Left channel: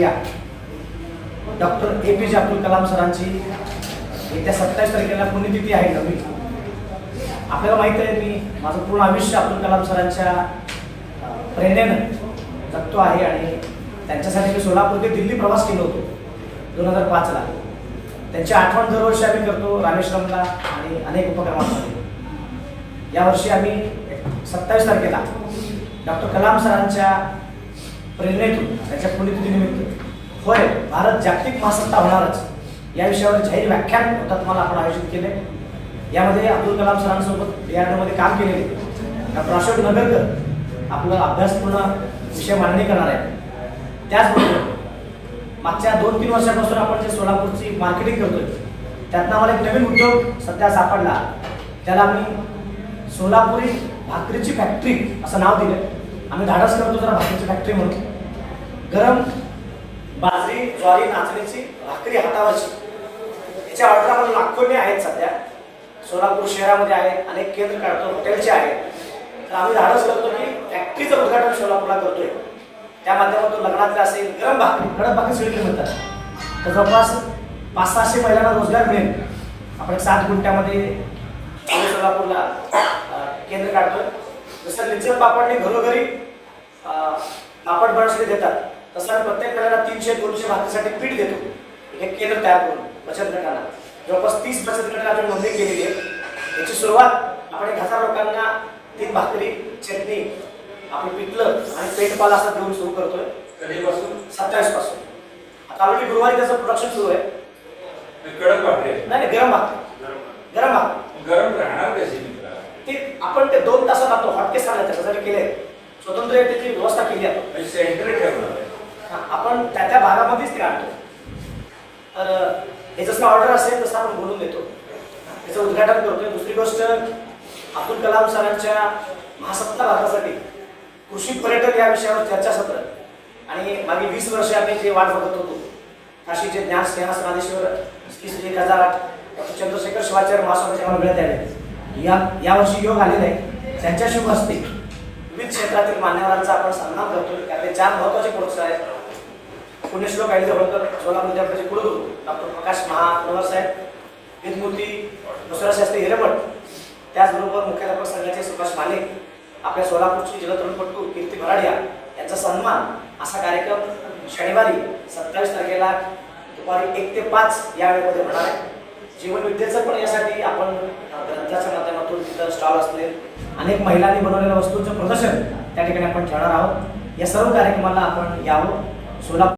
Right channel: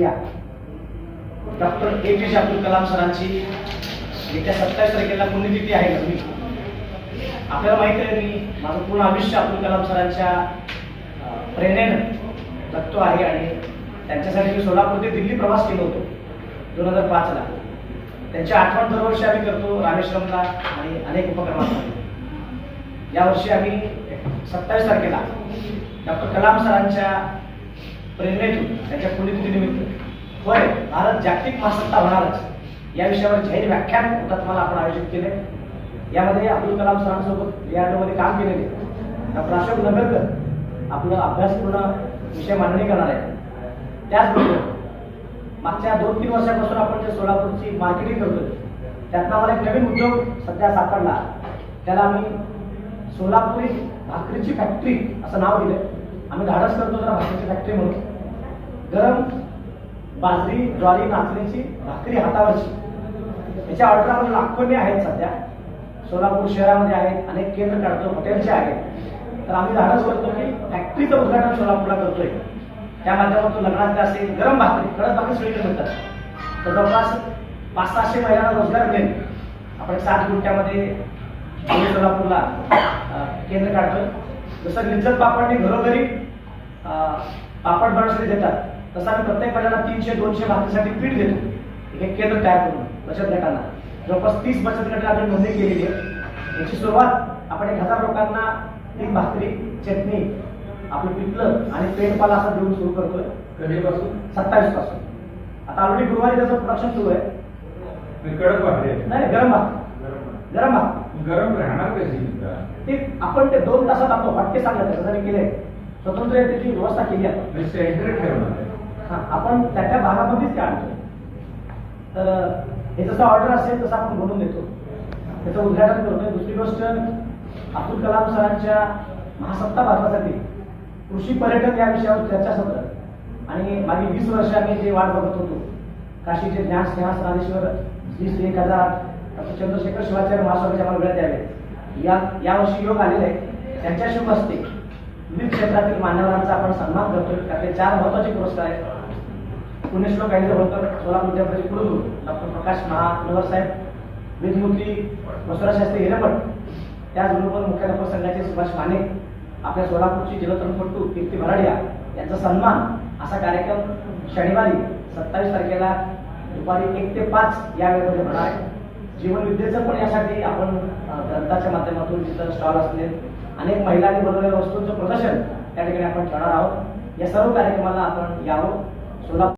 राष्ट्रप्रिया doctor A P जे अब्दुल कलाम सरांची येत्या सत्तावीस तारखेला पुण्यतिथी आहे नवी आपल्याला माहिती आहे मी माझं पूर्ण आयुष्य अब्दुल कलाम सरांच्या प्रेरणेनं जगतो आहे आणि त्यांच्यासाठी मी सोलापूर ते दिल्ली प्रवास केलो होतो दोन हजार पाचला त्यांची आठवण दरवर्षी आम्ही करतो रामेश्वरमला आणि अनेक उपक्रमांमध्ये. यावर्षी आम्ही सत्तावीस तारखेला डॉक्टर कलाम सरांच्या प्रेरणेतून त्यांच्या पुण्यतिथीनिमित्त. होय भारत जागतिक महासत्ता होणारच. या विषयावर जाहीर व्याख्यान हुतात्माला आपण आयोजित केले. यामध्ये अब्दुल कलाम सरांसोबत यामध्ये काम केलेले डॉक्टर अशोक नगरकर आपलं अभ्यासपूर्ण विषय मांडणी करणार आहे त्याचबरोबर मागच्या दोन तीन वर्षापासून आपण जे सोलापूरची मार्केटिंग करतोय त्यातनं आम्हाला एक नवीन उद्योग सध्या सापडला. त्याला आम्ही सोलापुरी भाकरीची फॅक्टरी असं नाव दिलं आम्ही धाडस करतो जरा भाकरीची फॅक्टरी म्हणतो गरम बाजरी ज्वारी नाचणीची भाकरी हातावरची. याच्या ऑर्डर आपण लाखोने आहेत सध्या. सोलापूर शहरामध्ये आहेत अनेक केंद्र काढतो हॉटेलचे आहेत. तर आम्ही धाडस करतो की फॅक्टरीचं उद्घाटन सोलापूरला करतोय. त्या माध्यमातून लग्नातले असेल गरम भाकरी कडक भाकरी सगळीकडे म्हणतात तर जवळपास पाच सहाशे महिलांना रोजगार मिळेल. आपण सात गुंठ्यामध्ये सोलापूरला केंद्र काढतोय. जसं लिज्जत पापडने घरोघरी पापड बनवण्यासाठी देतात. तसं आम्ही प्रत्येक महिन्याला तीनशे दोनशे भाकरीसाठी पीठ देतो. एक एक केंद्र तयार करून बचत गटांना जवळपास तीस बचत गटांना आपण नोंदणी केलेली आहे. याची सुरुवात आपण एक हजार लोकांना तीन भाकरी चटणी आपलं पिठलं आणि पेटपाला असं देऊन सुरू करतोय. कधीपासून? सत्तावीसपासून आता ऑलरेडी गुरुवारी त्याचं प्रोडक्शन सुरू आहे. कडक भाकरी आहे. नाही नाही, गरम भाकरी. गरम भाकरी. गरम राहणार कशी मित्रा? ते आपण ते दोन तासात आपलं हॉटकेस आणलं त्याच्यासाठी केले स्वतंत्र त्याची व्यवस्था केली आपण. मी सेंटर ठेवणार. आपण त्या त्या भागामध्येच ते आणतो. तर हे जसं ऑर्डर असेल तसं आपण बोलून देतो. त्याचं उद्घाटन करतोय. दुसरी गोष्ट अब्दुल कलाम सरांच्या महासत्ता भारतासाठी कृषी पर्यटन या विषयावर चर्चासत्र आणि मागे वीस वर्ष आम्ही जे वाट बघत होतो काशीचे ज्ञान स्नेहा समाधेश्वर श्री श्री एक हजार आठ डॉक्टर चंद्रशेखर शिवाचार्य महास्वामीचे आम्हाला मिळत आले. या यावर्षी योग आलेला आहे. त्यांच्या शुभ हस्ते विविध क्षेत्रातील मान्यवरांचा आपण सन्मान करतो त्यातले चार महत्त्वाचे पुरस्कार आहेत. पुण्यश्लोक आईले होळकर सोलापूर विद्यापीठाचे कुलगुरू डॉक्टर प्रकाश महानवर साहेब विधमूर्ती दसरा शास्त्री हिरेमठ त्याचबरोबर मुख्याध्यापक संघाचे सुभाष माने आपल्या सोलापूरची जलतरणपटू कीर्ती भराडिया यांचा सन्मान. असा कार्यक्रम शनिवारी सत्तावीस तारखेला दुपारी एक ते पाच या वेळेमध्ये होणार आहे. जीवन विद्येचं पण यासाठी आपण ग्रंथाच्या माध्यमातून तिथं स्टॉल असतील. अनेक महिलांनी बनवलेल्या वस्तूंचं प्रदर्शन त्या ठिकाणी आपण ठेवणार आहोत. या सर्व कार्यक्रमाला आपण यावं. सोलापूर